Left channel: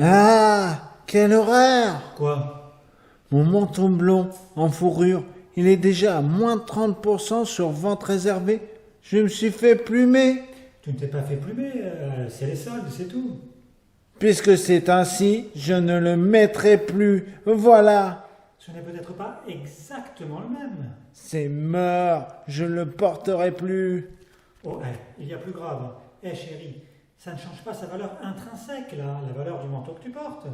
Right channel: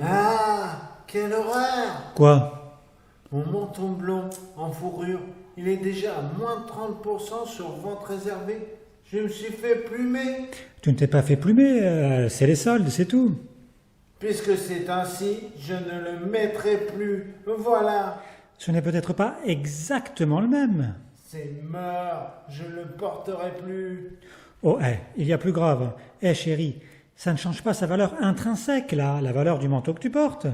Ah, quelle horreur! Quoi? Mon manteau blond en fourrure, il est déjà à moins de 30% sur vente réservée. Je me suis fait plumer. Tu ne t'es pas fait plumer, c'est les soldes, c'est tout. Puisque c'est ainsi, je ne le mettrai plus. Voilà. Ce n'est peut-être pas exactement le même. C'est mort. Je ne le porterai plus. Oh, il y a plus grave. Chérie, ça ne change pas sa valeur intrinsèque, là, la valeur du manteau que tu portes.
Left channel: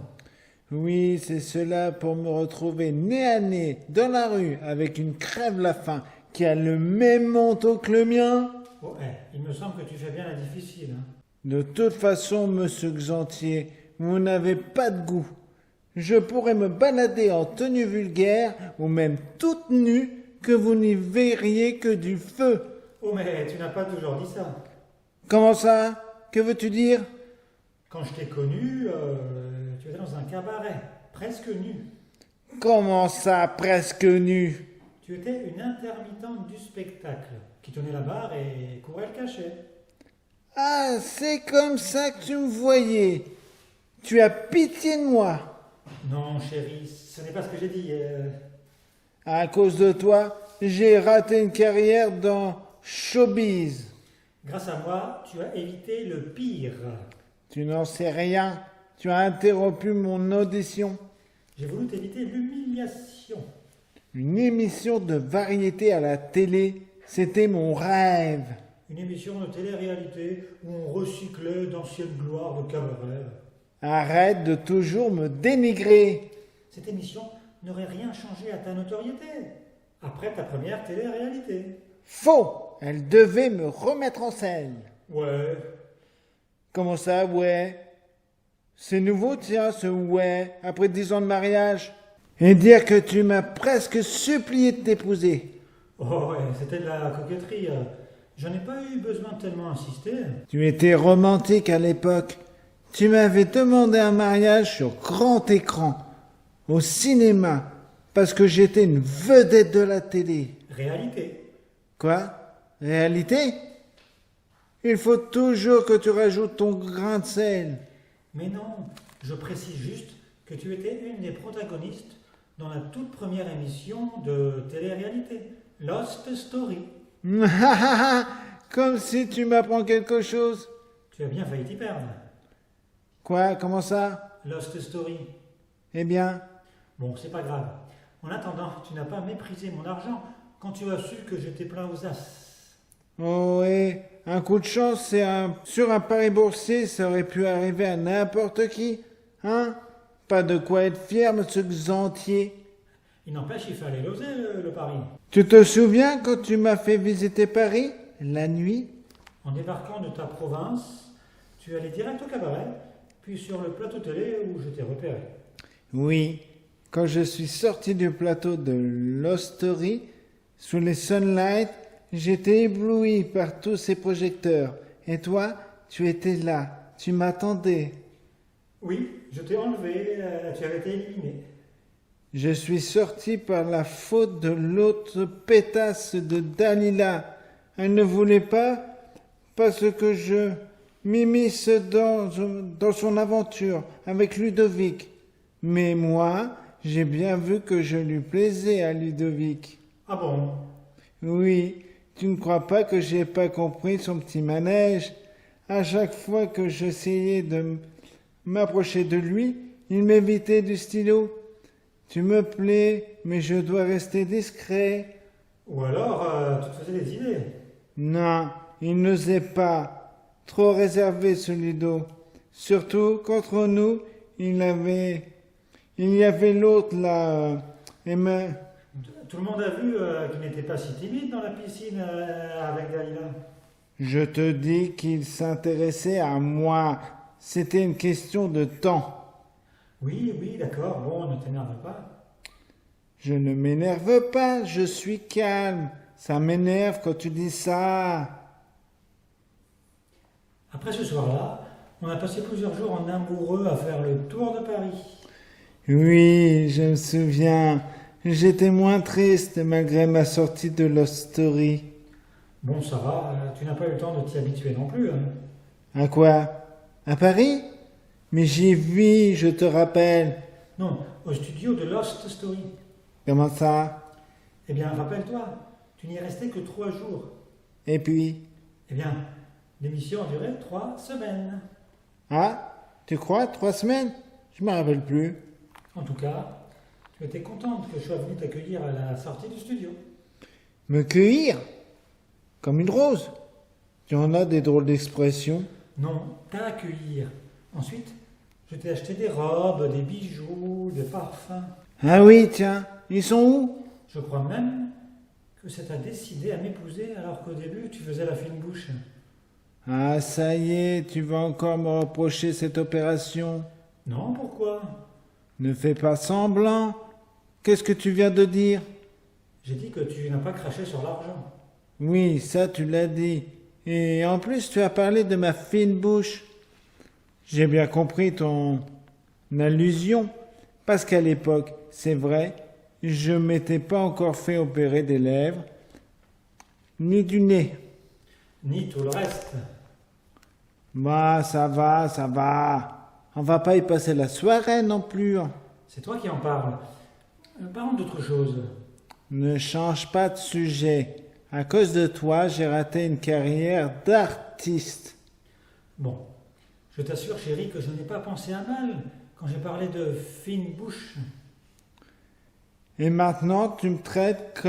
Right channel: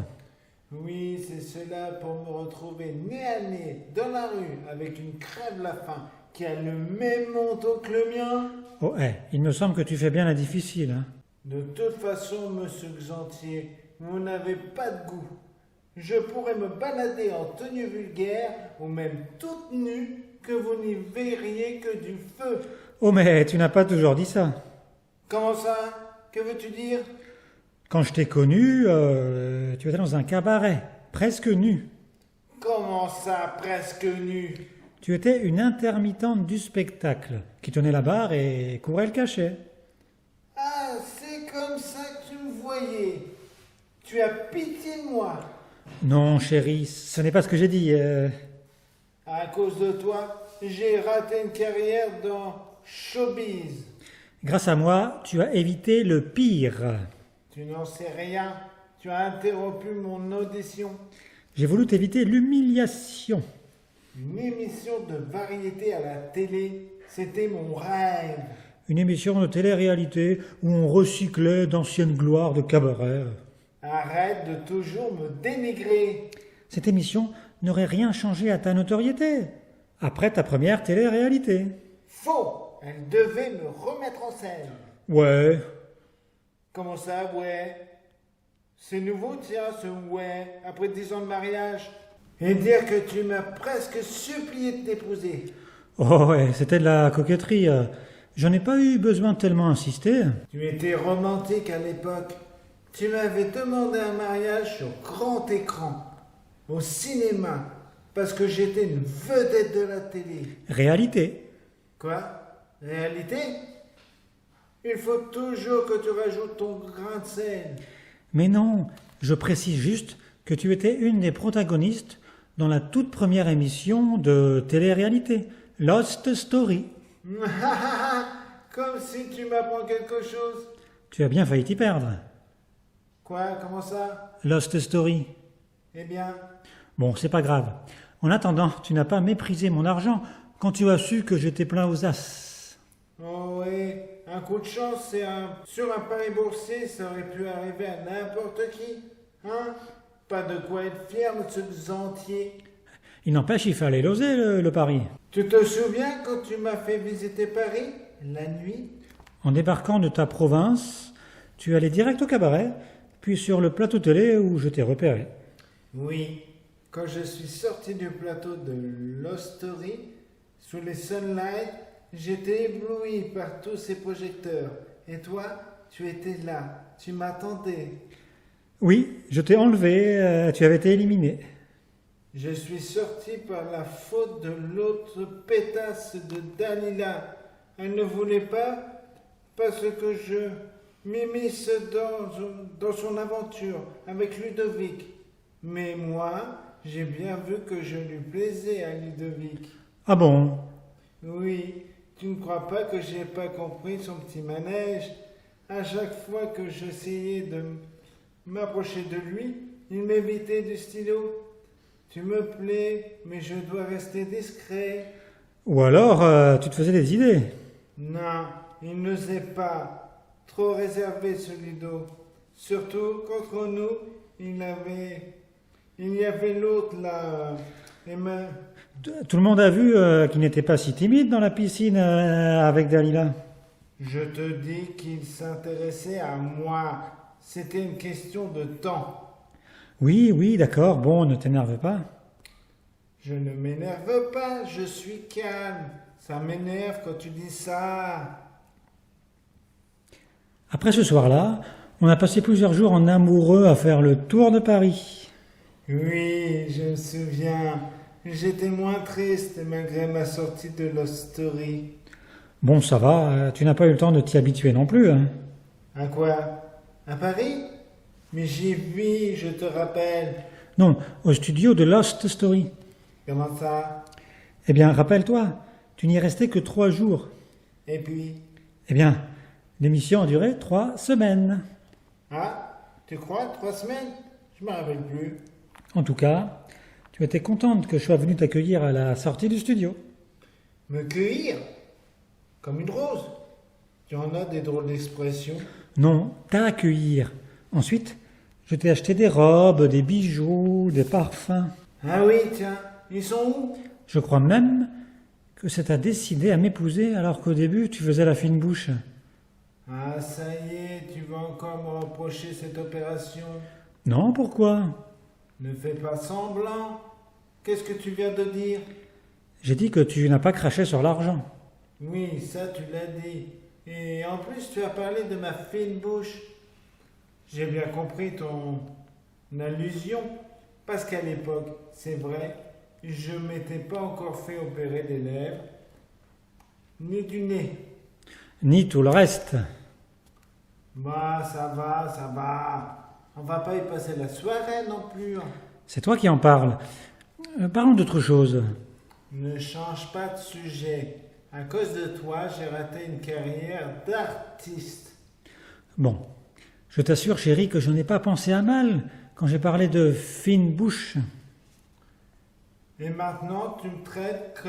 Oui, c'est cela pour me retrouver nez à nez dans la rue avec une crève la faim qui a le même manteau que le mien. Oh, il me semble que tu fais bien la difficile. Hein. De toute façon, monsieur Xantier, vous n'avez pas de goût. Je pourrais me balader en tenue vulgaire ou même toute nue que vous n'y verriez que du feu. Oh, mais tu n'as pas toujours dit ça. Comment ça? Que veux-tu dire? Quand je t'ai connu, tu étais dans un cabaret, presque nu. Comment ça, presque nu? Tu étais une intermittente du spectacle, qui tenait la barre et courait le cachet. Ah, c'est comme ça que tu me voyais. Tu as pitié de moi. Non, chérie, ce n'est pas ce que j'ai dit. À cause de toi, j'ai raté une carrière dans showbiz. Grâce à moi, tu as évité le pire. Tu n'en sais rien. Tu as interrompu mon audition. J'ai voulu t'éviter l'humiliation. Une émission de variété à la télé, c'était mon rêve. Une émission de télé-réalité où on recyclait d'anciennes gloires de cabaret. Arrête de toujours me dénigrer. Cette émission n'aurait rien changé à ta notoriété. Après ta première télé-réalité. Faux. Elle devait me remettre en scène. Ouais. Comment ça, ouais? C'est nouveau, tiens, ce ouais, après 10 ans de mariage. Et dire que tu m'as presque supplié de t'épouser. Oh ouais, c'était de la coquetterie. J'en ai pas eu besoin de tellement insister. Tu étais romantique à l'époque. Tu m'avais demandé un mariage sur grand écran, au cinéma, parce que j'étais une vedette de la télé. Réalité. Quoi? Réalité? Il faut toujours que tu rajoutes ton grain de sel. Mais non, je précise juste que tu étais une des protagonistes dans la toute première émission de télé-réalité, Lost Story. Comme si tu m'apprends quelque chose. Tu as bien failli t'y perdre. Quoi? Comment ça? Lost Story. Eh bien, Bon, c'est pas grave. En attendant, tu n'as pas méprisé mon argent quand tu as su que j'étais plein aux as. oh ouais, un coup de chance, sur un pari boursier, ça aurait pu arriver à n'importe qui. Hein? Pas de quoi être fier, monsieur Xantier. Il n'empêche, il fallait l'oser, le pari. Tu te souviens quand tu m'as fait visiter Paris, la nuit? En débarquant de ta province, tu allais direct au cabaret, puis sur le plateau télé où je t'ai repéré. Oui, quand je suis sorti du plateau de l'Hostory, sous les sunlights, j'étais ébloui par tous ces projecteurs. Et toi, tu étais là, tu m'attendais. Oui, je t'ai enlevé, tu avais été éliminé. Je suis sorti par la faute de l'autre pétasse de Dalila. Elle ne voulait pas, parce que je m'immisce dans son aventure avec Ludovic. Mais moi, j'ai bien vu que je lui plaisais à Ludovic. Ah bon? Oui, tu ne crois pas que j'ai pas compris son petit manège? À chaque fois que j'essayais de m'approcher de lui, il m'évitait du stylo. Tu me plais, mais je dois rester discret. Ou alors, tu te faisais des idées. Non, il n'osait pas. Trop réservé, ce Ludo. Surtout qu'entre nous, il y avait l'autre là. Tout le monde a vu qu'il n'était pas si timide dans la piscine avec Dalila. Je te dis qu'il s'intéressait à moi. C'était une question de temps. Oui, oui, d'accord, bon, ne t'énerve pas. Je ne m'énerve pas, je suis calme. Ça m'énerve quand tu dis ça. Après ce soir-là, on a passé plusieurs jours en amoureux à faire le tour de Paris. Oui, je me souviens. J'étais moins triste malgré ma sortie de l'Hostory. Bon, ça va, tu n'as pas eu le temps de t'y habituer non plus. Hein. À quoi? À Paris? Mais j'y vis, je te rappelle. Non, au studio de Lost Story. Comment ça? Eh bien, rappelle-toi, tu n'y es resté que 3 jours. Et puis? Eh bien, l'émission a duré 3 semaines. Ah, tu crois, 3 semaines? Je me rappelle plus. En tout cas, tu étais contente que je sois venu t'accueillir à la sortie du studio. Me cueillir? Comme une rose? Tu en as des drôles d'expressions. Non, t'accueillir. Ensuite, je t'ai acheté des robes, des bijoux, des parfums. Ah oui, tiens, ils sont où? Je crois même que ça t'a décidé à m'épouser alors qu'au début tu faisais la fine bouche. Ah, ça y est, tu vas encore me reprocher cette opération. Non, pourquoi? Ne fais pas semblant. Qu'est-ce que tu viens de dire? J'ai dit que tu n'as pas craché sur l'argent. Oui, ça tu l'as dit. Et en plus, tu as parlé de ma fine bouche. J'ai bien compris ton allusion. Parce qu'à l'époque, c'est vrai, je m'étais pas encore fait opérer des lèvres, ni du nez. Ni tout le reste. Bah, ça va, ça va. On va pas y passer la soirée non plus. C'est toi qui en parles. Parlons d'autre chose. Ne change pas de sujet. À cause de toi, j'ai raté une carrière d'artiste. Bon, je t'assure chérie que je n'ai pas pensé à mal quand j'ai parlé de fine bouche. Et maintenant, tu me traites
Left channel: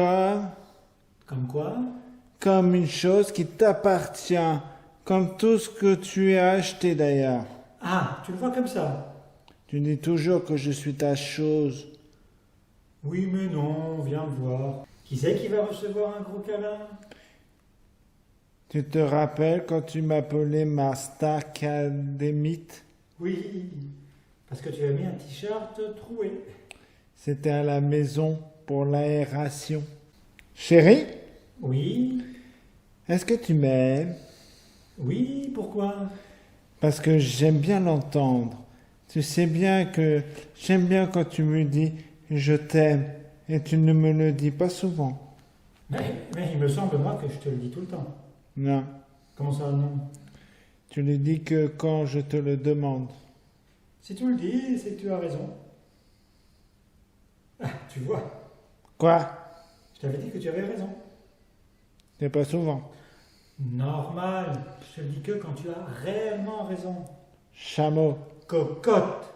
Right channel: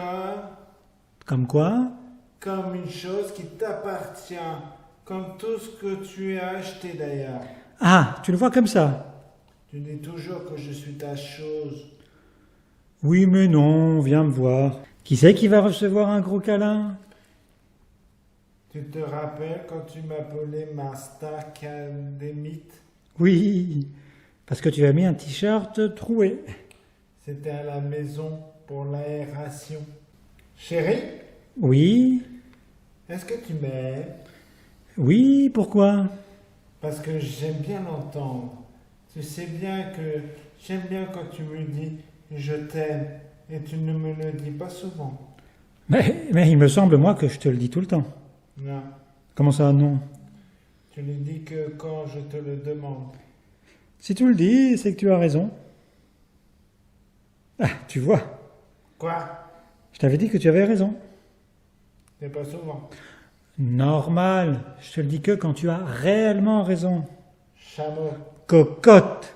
Comme quoi? comme une chose qui t'appartient, comme tout ce que tu as acheté d'ailleurs. Ah, tu le vois comme ça? Tu dis toujours que je suis ta chose. Oui, mais non, viens me voir. Qui c'est qui va recevoir un gros câlin? Tu te rappelles quand tu m'appelais ma starcadémite? Oui, parce que tu as mis un t-shirt troué. C'était à la maison pour l'aération. Chérie, Oui, est-ce que tu m'aimes? oui, pourquoi? Parce que j'aime bien l'entendre. Tu sais bien que j'aime bien quand tu me dis je t'aime et tu ne me le dis pas souvent. Mais il me semble, moi, que je te le dis tout le temps. Non, Comment ça, non? tu le dis que quand je te le demande. Si tu le dis, c'est que tu as raison. Ah, tu vois, Quoi? je t'avais dit que tu avais raison. C'est pas souvent. Normal, je te le dis que quand tu as réellement raison. Chameau. Cocotte!